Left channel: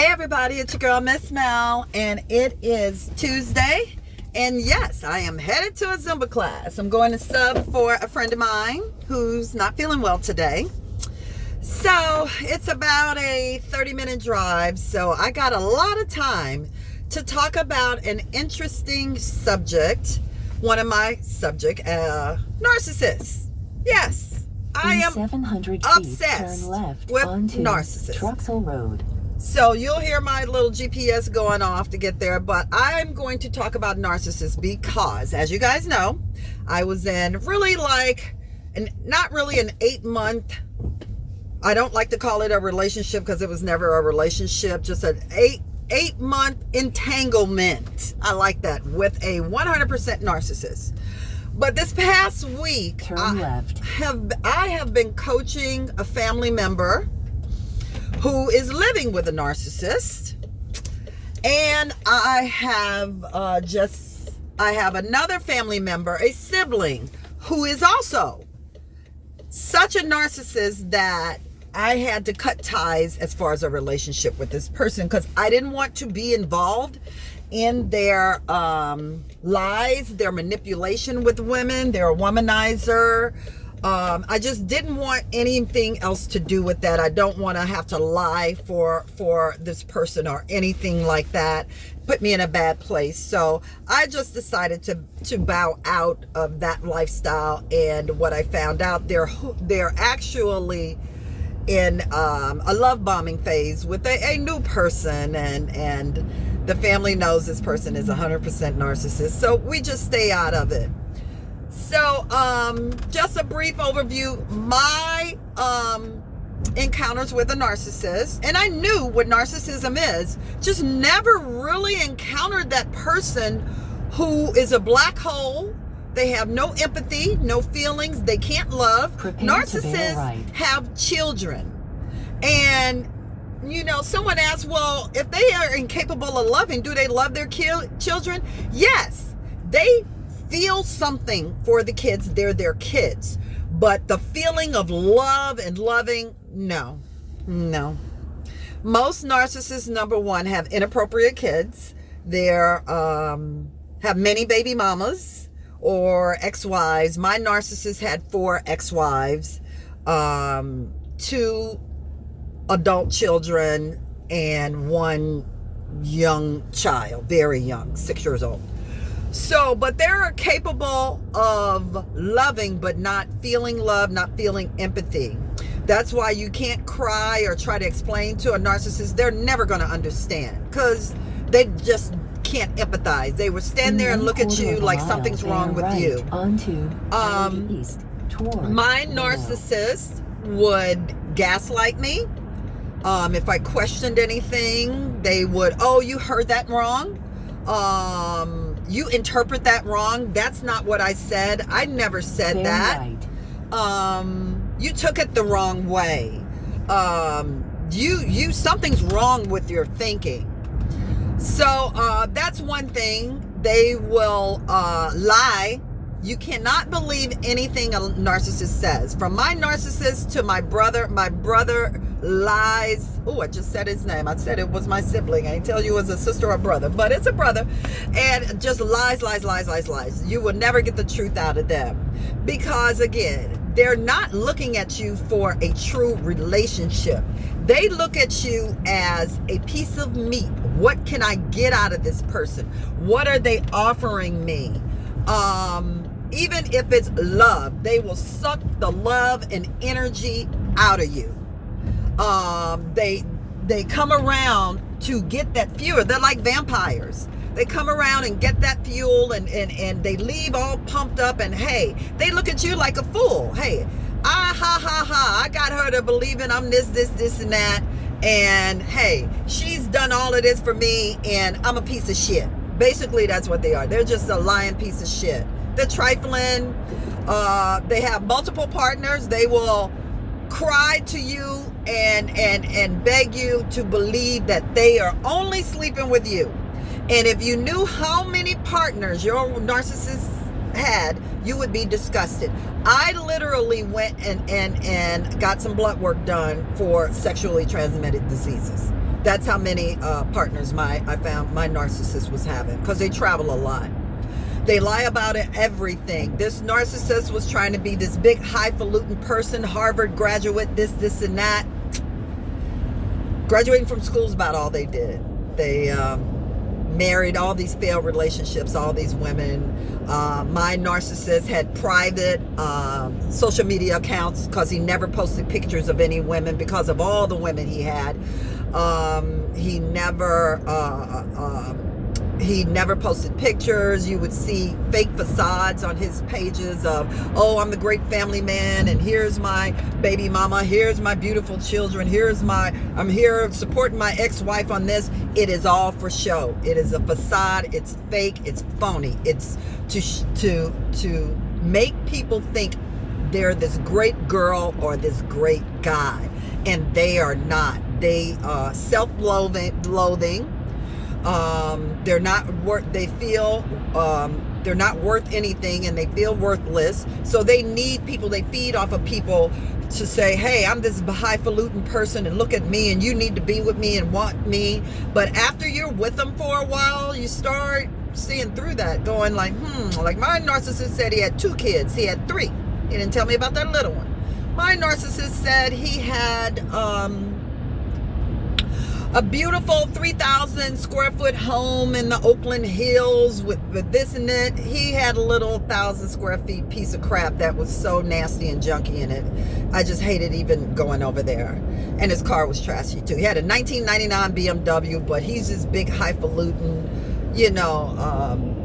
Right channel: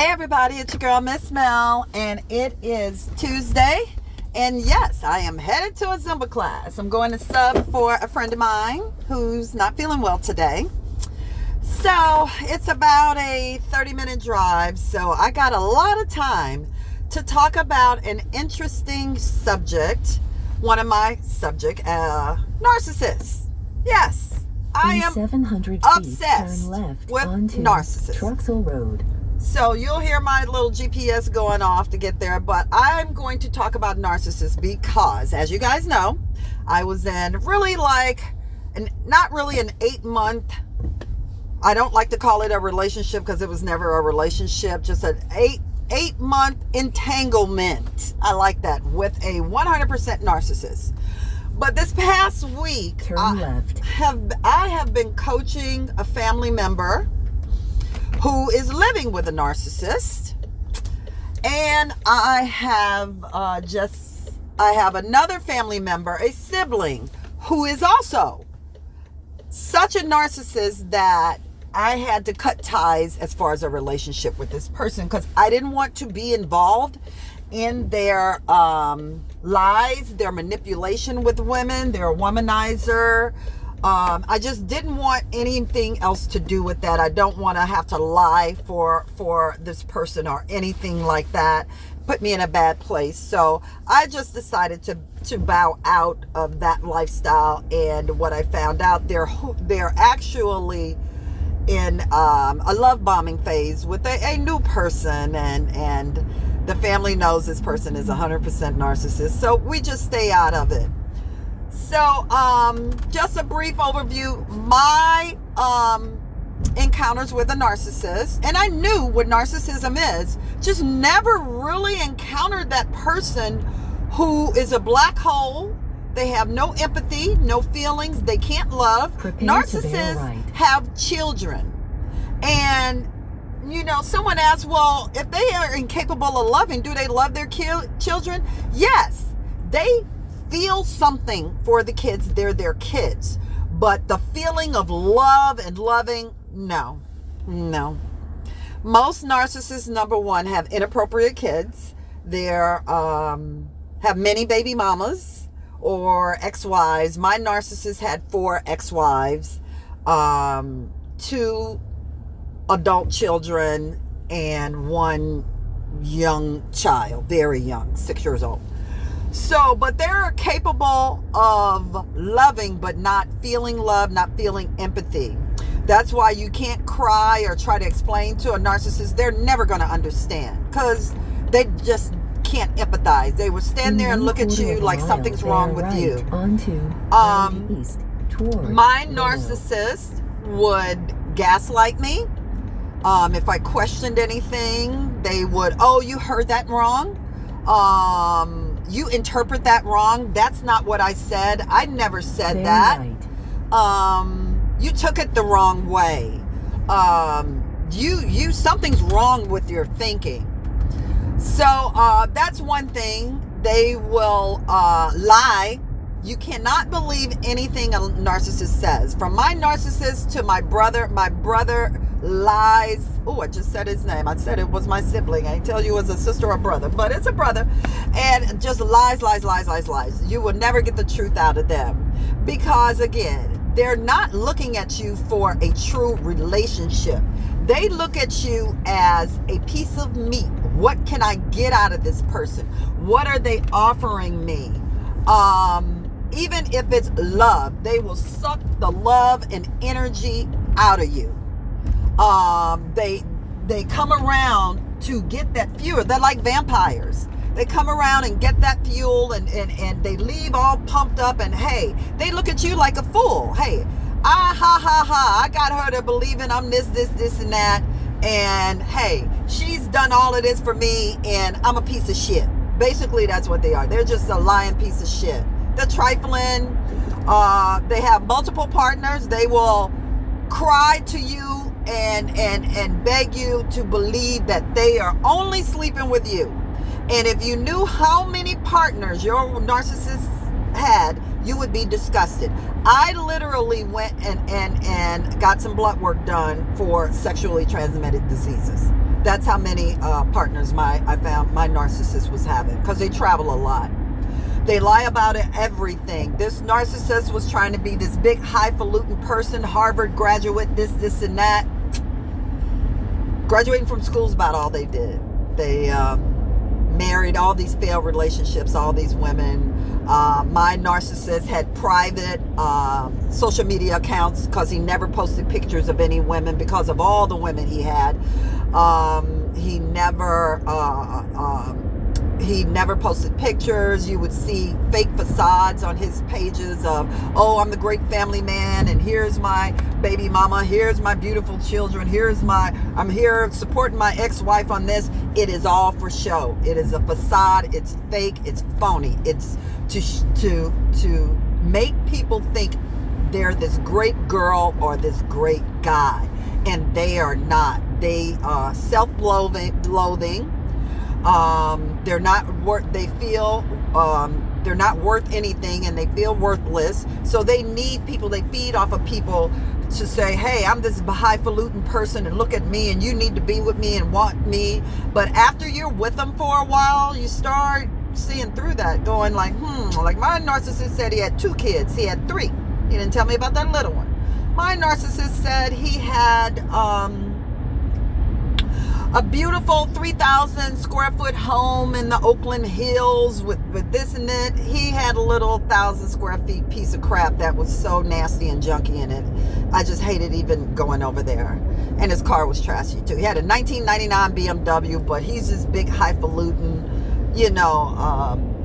Hey everybody, it's your girl Miss Mel, and it is Tuesday, and yes, I am headed to a Zumba class. I'm going to sub for a friend of mine who's not feeling well today. So it's about a 30-minute drive, so I got a lot of time to talk about an interesting subject. One of my subject, narcissists. Yes, I am 700 obsessed turn left with onto narcissists. Truxell Road. So you'll hear my little GPS going off to get there, but I'm going to talk about narcissists because, as you guys know, I was in really not really an 8-month, I don't like to call it a relationship because it was never a relationship, just an 8-month entanglement. I like that, with a 100% narcissist. But this past week, Turn left. I have been coaching a family member who is living with a narcissist, and I have another family member, a sibling, who is also such a narcissist that I had to cut ties as far as a relationship with this person because I didn't want to be involved in their lies, their manipulation with women. They're a womanizer. I just didn't want anything else to do with that. I don't want to have to lie for this person or anything like that. Put me in a bad place. So I just decided to bow out of that lifestyle. And what I found out, they're actually in a love bombing phase with a new person, and the family knows this person is 100% narcissist. So we just stay out of it. So, just a brief overview. My encounters with a narcissist, and I knew what narcissism is, just never really encountered that person who is a black hole. They have no empathy, no feelings, they can't love. Narcissists have children. And, someone asked, well, if they are incapable of loving, do they love their children? Yes, they feel something for the kids. They're their kids, but the feeling of love and loving, no. Most narcissists, number one, have inappropriate kids. They're have many baby mamas or ex-wives. My narcissist had 4 ex-wives, 2 adult children, and 1 young child, very young, 6 years old. So, but they're capable of loving, but not feeling love, not feeling empathy. That's why you can't cry or try to explain to a narcissist. They're never going to understand because they just can't empathize. They would stand there and look at you like something's wrong with you. My narcissist would gaslight me. If I questioned anything, they would, oh, you heard that wrong. You interpret that wrong. That's not what I said. I never said that. You took it the wrong way. You something's wrong with your thinking. So that's one thing. They will lie. You cannot believe anything a narcissist says. From my narcissist to my brother lies. Oh, I just said his name. I said it was my sibling. I didn't tell you it was a sister or brother, but it's a brother. And just lies. You will never get the truth out of them because, again, they're not looking at you for a true relationship. They look at you as a piece of meat. What can I get out of this person? What are they offering me? Even if it's love, they will suck the love and energy out of you. They come around to get that fuel. They're like vampires. They come around and get that fuel, and they leave all pumped up, and hey, they look at you like a fool. Hey, I got her to believing I'm this and that, and hey, she's done all of this for me, and I'm a piece of shit. Basically, that's what they are. They're just a lying piece of shit. They're trifling. They have multiple partners. They will cry to you and beg you to believe that they are only sleeping with you. And if you knew how many partners your narcissist had, you would be disgusted. I literally went and got some blood work done for sexually transmitted diseases. That's how many partners I found my narcissist was having, because they travel a lot. They lie about it, everything. This narcissist was trying to be this big highfalutin person, Harvard graduate, this and that. Graduating from school is about all they did. They married all these failed relationships, all these women. My narcissist had private social media accounts because he never posted pictures of any women because of all the women he had. He never posted pictures. You would see fake facades on his pages of, oh, I'm the great family man, and here's my baby mama, here's my beautiful children, I'm here supporting my ex-wife on this. It is all for show. It is a facade. It's fake. It's phony. It's to make people think they're this great girl or this great guy, and they are not. They self-loathing. They're not worth. They feel they're not worth anything, and they feel worthless. So they need people. They feed off of people to say, "Hey, I'm this highfalutin person, and look at me, and you need to be with me and want me." But after you're with them for a while, you start seeing through that, going like, like my narcissist said he had 2 kids. He had 3. He didn't tell me about that little one. My narcissist said he had a beautiful 3,000 square foot home in the Oakland Hills with this and that. He had a little 1,000 square feet piece of crap that was so nasty and junky in it. I just hated even going over there. And his car was trashy too. He had a 1999 BMW, but he's this big highfalutin,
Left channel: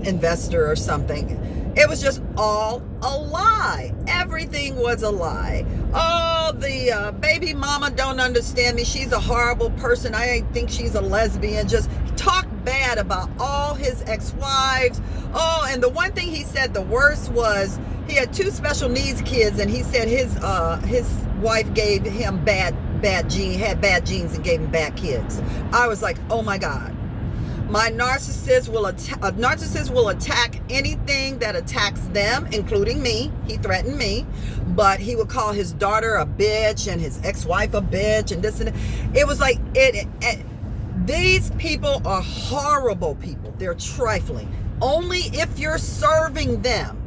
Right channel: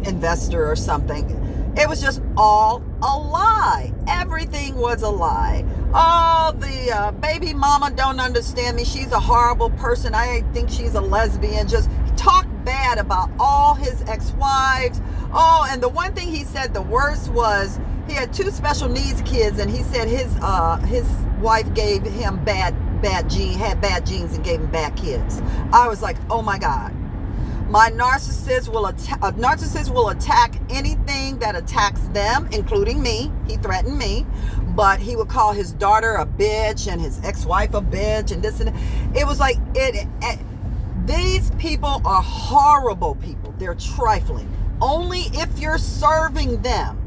investor or something. It was just all a lie. Everything was a lie. Oh, the baby mama don't understand me. She's a horrible person. I think she's a lesbian. Just talk bad about all his ex-wives. Oh, and the one thing he said the worst was he had 2 special needs kids, and he said his wife gave him bad genes and gave him bad kids. I was like, oh my God. My narcissist will attack anything that attacks them, including me. He threatened me, but he would call his daughter a bitch and his ex-wife a bitch and this and that. It was like these people are horrible people. They're trifling. Only if you're serving them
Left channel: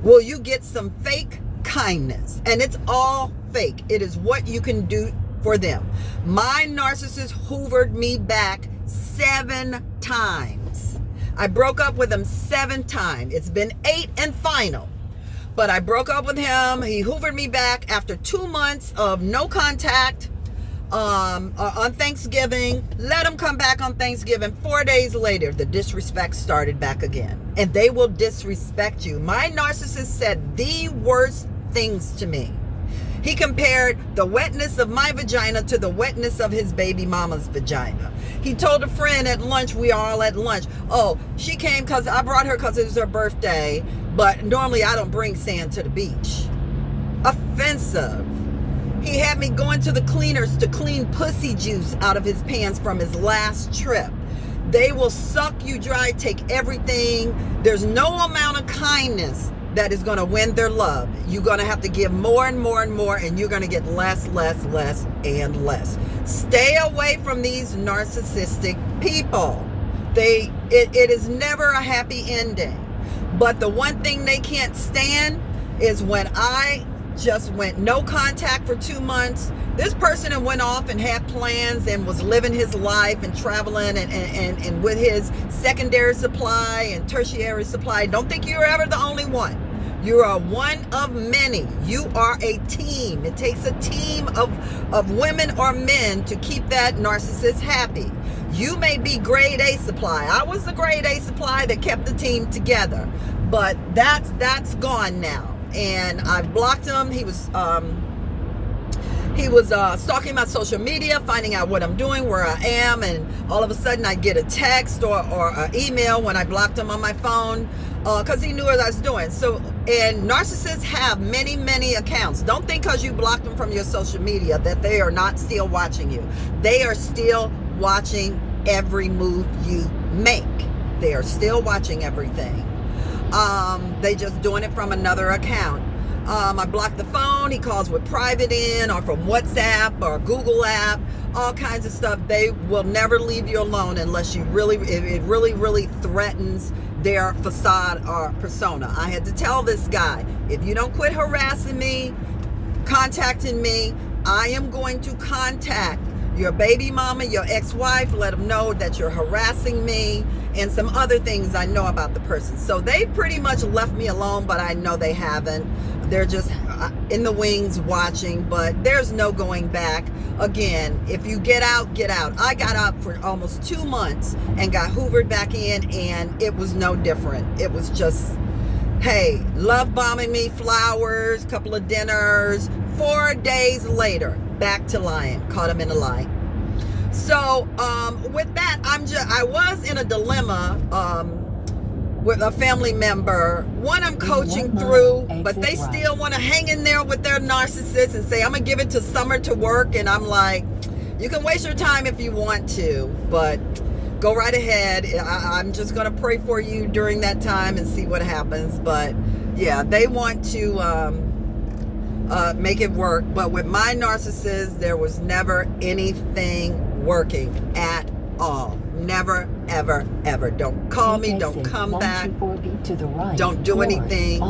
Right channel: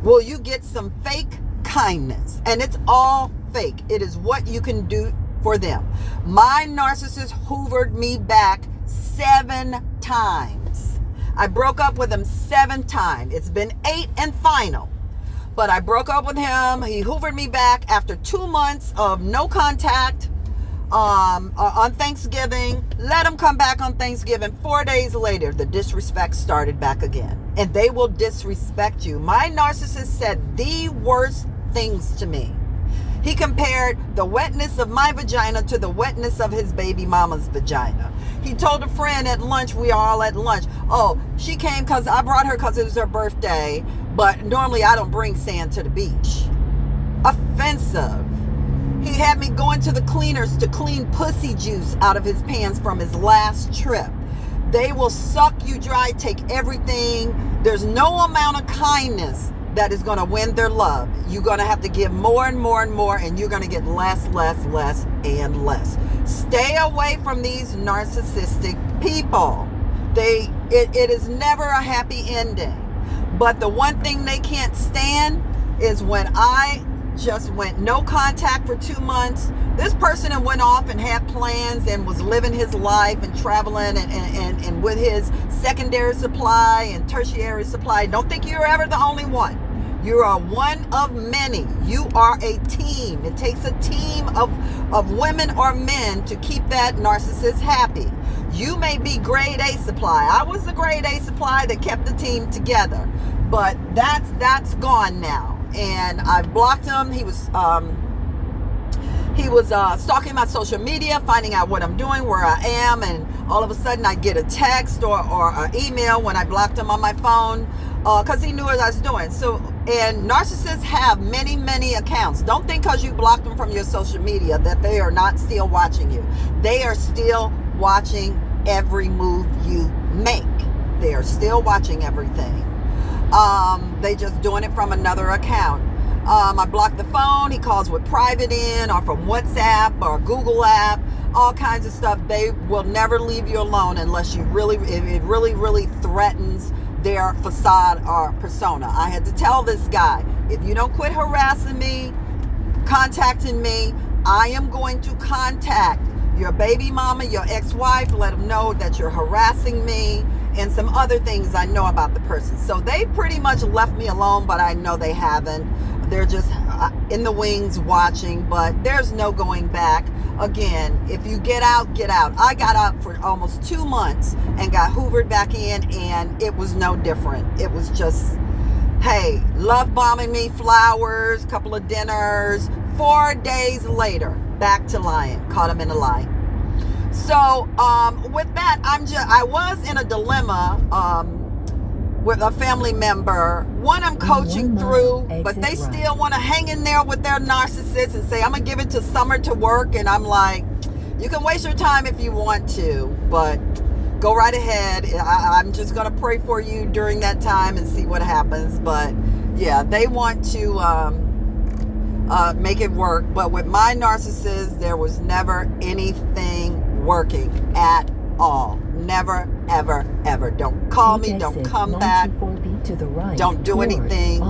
will you get some fake kindness, and it's all fake. It is what you can do for them. My narcissist hoovered me back 7 times. I broke up with him 7 times. It's been 8 and final. But I broke up with him. He hoovered me back after 2 months of no contact on Thanksgiving. Let him come back on Thanksgiving. 4 days later, the disrespect started back again. And they will disrespect you. My narcissist said the worst things to me. He compared the wetness of my vagina to the wetness of his baby mama's vagina. He told a friend at lunch, we are all at lunch, oh, she came because I brought her because it was her birthday, but normally I don't bring sand to the beach. Offensive. He had me going to the cleaners to clean pussy juice out of his pants from his last trip. They will suck you dry, take everything. There's no amount of kindness that is going to win their love. You're going to have to give more and more and more, and you're going to get less and less. Stay away from these narcissistic people. It is never a happy ending. But the one thing they can't stand is when I just went no contact for 2 months. This person went off and had plans and was living his life and traveling and with his secondary supply and tertiary supply. Don't think you're ever the only one. You are one of many. You are a team. It takes a team of women or men to keep that narcissist happy. You may be grade A supply. I was the grade A supply that kept the team together. But that's gone now. And I blocked him. He was stalking my social media, finding out what I'm doing, where I am, and all of a sudden I get a text or an email when I blocked him on my phone because he knew what I was doing. So, and narcissists have many accounts. Don't think because you blocked them from your social media that they are not still watching you. They are still watching every move you make. They are still watching everything. They just doing it from another account. I blocked the phone. He calls with private in or from WhatsApp or Google app. all kinds of stuff. They will never leave you alone unless you really, it really, really threatens their facade or persona. I had to tell this guy, if you don't quit harassing me, contacting me, I am going to contact your baby mama, your ex-wife, let them know that you're harassing me, and some other things I know about the person. So they pretty much left me alone, but I know they haven't. They're just in the wings watching, but there's no going back. Again, if you get out, get out. I got out for almost 2 months and got hoovered back in, and it was no different. It was just, hey, love bombing me, flowers, couple of dinners. 4 days later, back to lying. Caught him in a lie. So with that, I was in a dilemma with a family member. One I'm coaching through, but they still want to hang in there with their narcissist and say, I'm going to give it to Summer to work. And I'm like, you can waste your time if you want to, but go right ahead. I'm just going to pray for you during that time and see what happens. But yeah, they want to make it work. But with my narcissist, there was never anything working at all. Never, ever, ever. Don't call me. Don't come back. Don't do anything.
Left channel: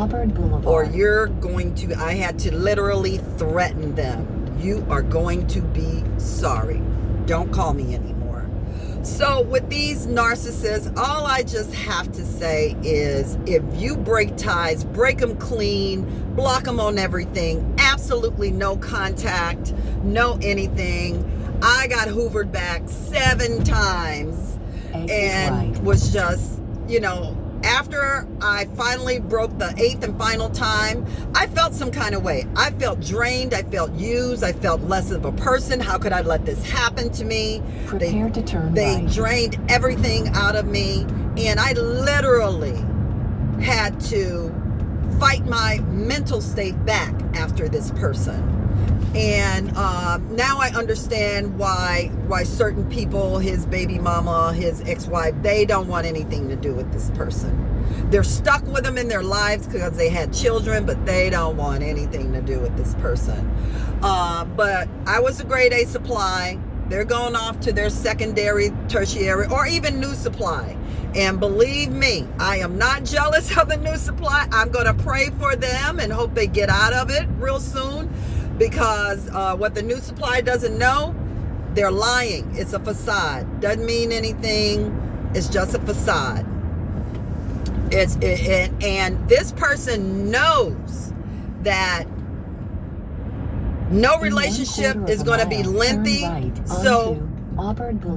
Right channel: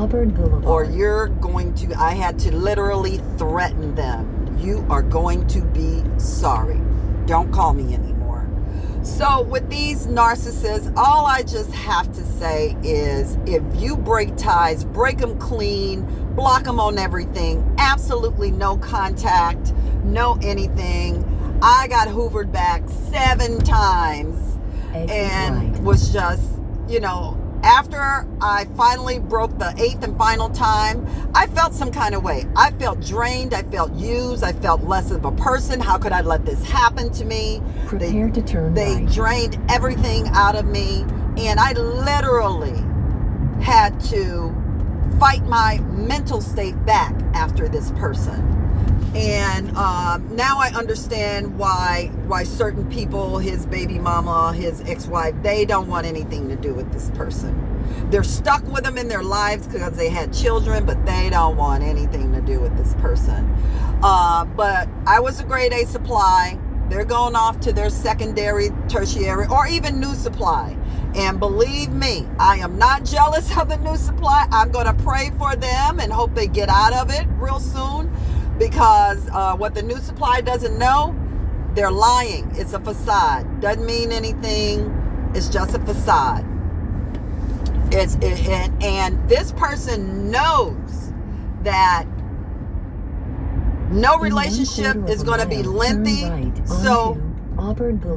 Or you're going to, I had to literally threaten them. You are going to be sorry. Don't call me anymore. So with these narcissists, all I just have to say is, if you break ties, break them clean, block them on everything, absolutely no contact, no anything. I got hoovered back 7 times and was just, after I finally broke the 8th and final time, I felt some kind of way. I felt drained. I felt used. I felt less of a person. How could I let this happen to me? Prepare to turn They right. drained everything out of me, and I literally had to fight my mental state back after this person. And now I understand why certain people, his baby mama, his ex-wife, they don't want anything to do with this person. They're stuck with him in their lives because they had children, but they don't want anything to do with this person. But I was a grade A supply. They're going off to their secondary, tertiary, or even new supply. And believe me, I am not jealous of the new supply. I'm going to pray for them and hope they get out of it real soon. Because what the new supply doesn't know, they're lying. It's a facade. Doesn't mean anything. It's just a facade. And this person knows that no relationship is going to be lengthy. So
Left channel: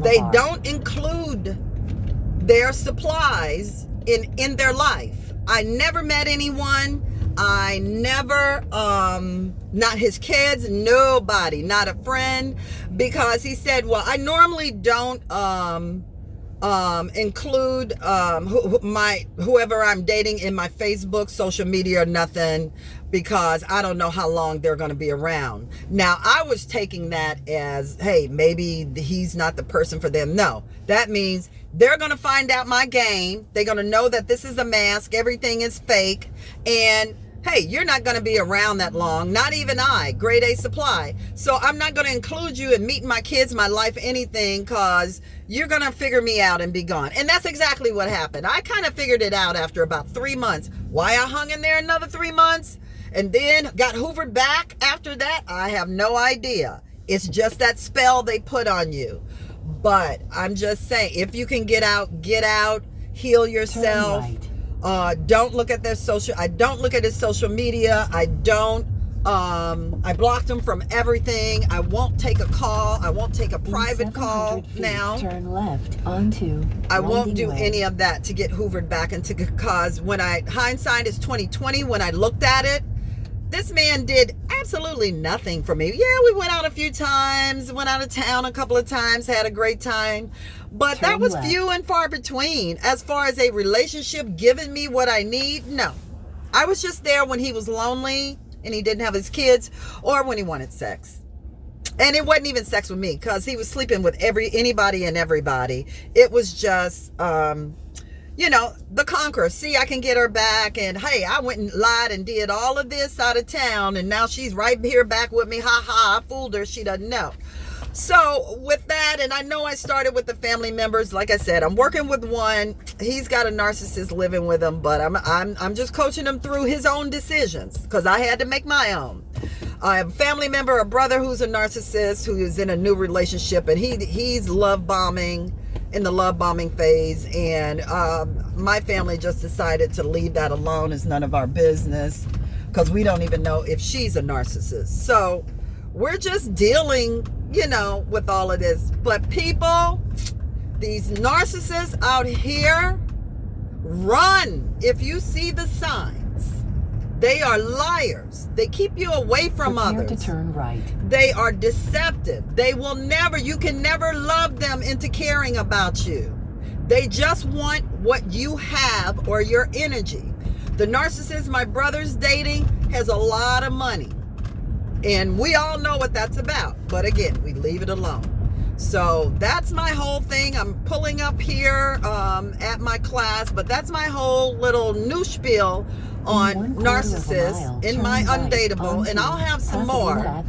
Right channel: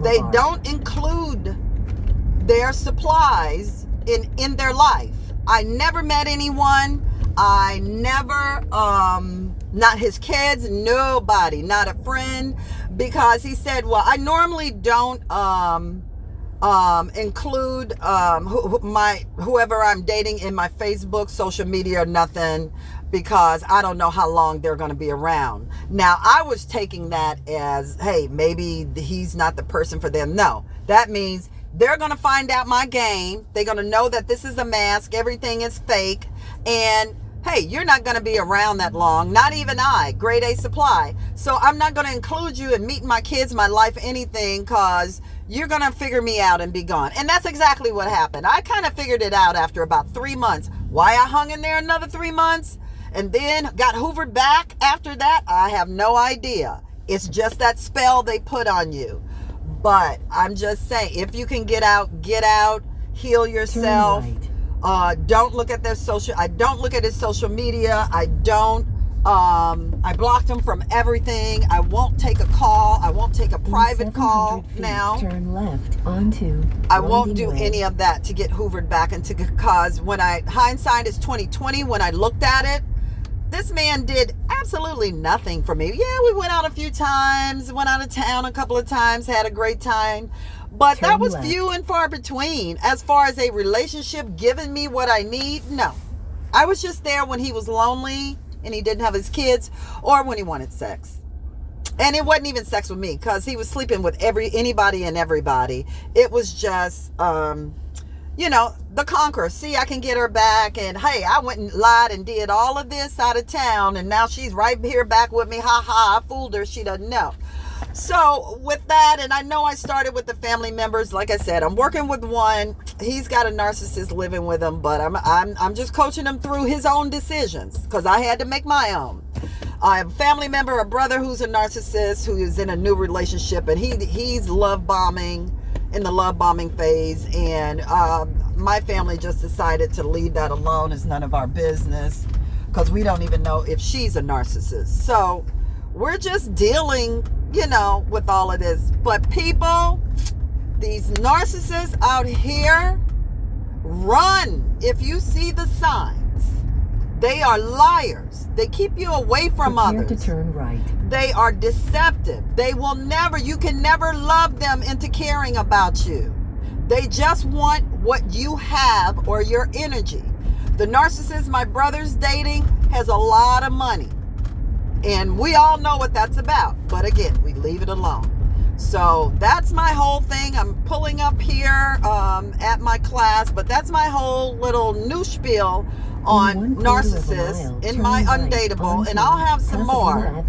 they don't include their supplies in their life. I never met anyone. I never, not his kids, nobody, not a friend, because he said, well, I normally don't include whoever I'm dating in my Facebook, social media, or nothing, because I don't know how long they're going to be around. Now, I was taking that as, hey, maybe he's not the person for them. No, that means they're going to find out my game. They're going to know that this is a mask. Everything is fake. And hey, you're not going to be around that long. Not even I, grade A supply. So I'm not going to include you in meeting my kids, my life, anything, because you're going to figure me out and be gone. And that's exactly what happened. I kind of figured it out after about 3 months. Why I hung in there another 3 months and then got hoovered back after that, I have no idea. It's just that spell they put on you. But I'm just saying, if you can get out, heal yourself. Don't look at I don't look at his social media. I blocked him from everything. I won't take a call. I won't take a private call now. Turn left onto I won't do any of that to get hoovered back into, because hindsight is 2020. When I looked at it, this man did absolutely nothing for me. Yeah, we went out a few times, went out of town a couple of times, had a great time. But that was few and far between. As far as a relationship giving me what I need, no. I was just there when he was lonely and he didn't have his kids, or when he wanted sex. And it wasn't even sex with me, because he was sleeping with anybody and everybody. It was just, the conqueror. See, I can get her back. And hey, I went and lied and did all of this out of town, and now she's right here back with me. Ha ha, I fooled her. She doesn't know. So with that, and I know I started with the family members. Like I said, I'm working with one. He's got a narcissist living with him, but I'm just coaching him through his own decisions because I had to make my own. I have a family member, a brother who's a narcissist who is in a new relationship, and he's love bombing, in the love bombing phase, and my family just decided to leave that alone. It's none of our business because we don't even know if she's a narcissist. So we're just dealing, with all of this. But people, these narcissists out here, run if you see the signs. They are liars. They keep you away from Prepare others. to turn right. They are deceptive. You can never love them into caring about you. They just want what you have or your energy. The narcissist my brother's dating has a lot of money. And we all know what that's about. But again, we leave it alone. So that's my whole thing. I'm pulling up here at my class, but that's my whole little new spiel on narcissists in my Undateable, and I'll have some more.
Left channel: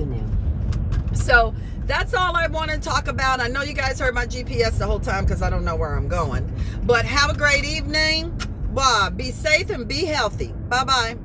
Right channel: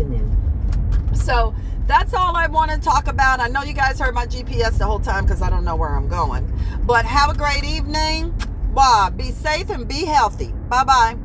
So that's all I want to talk about. I know you guys heard my GPS the whole time because I don't know where I'm going. But have a great evening. Bye. Be safe and be healthy. Bye-bye.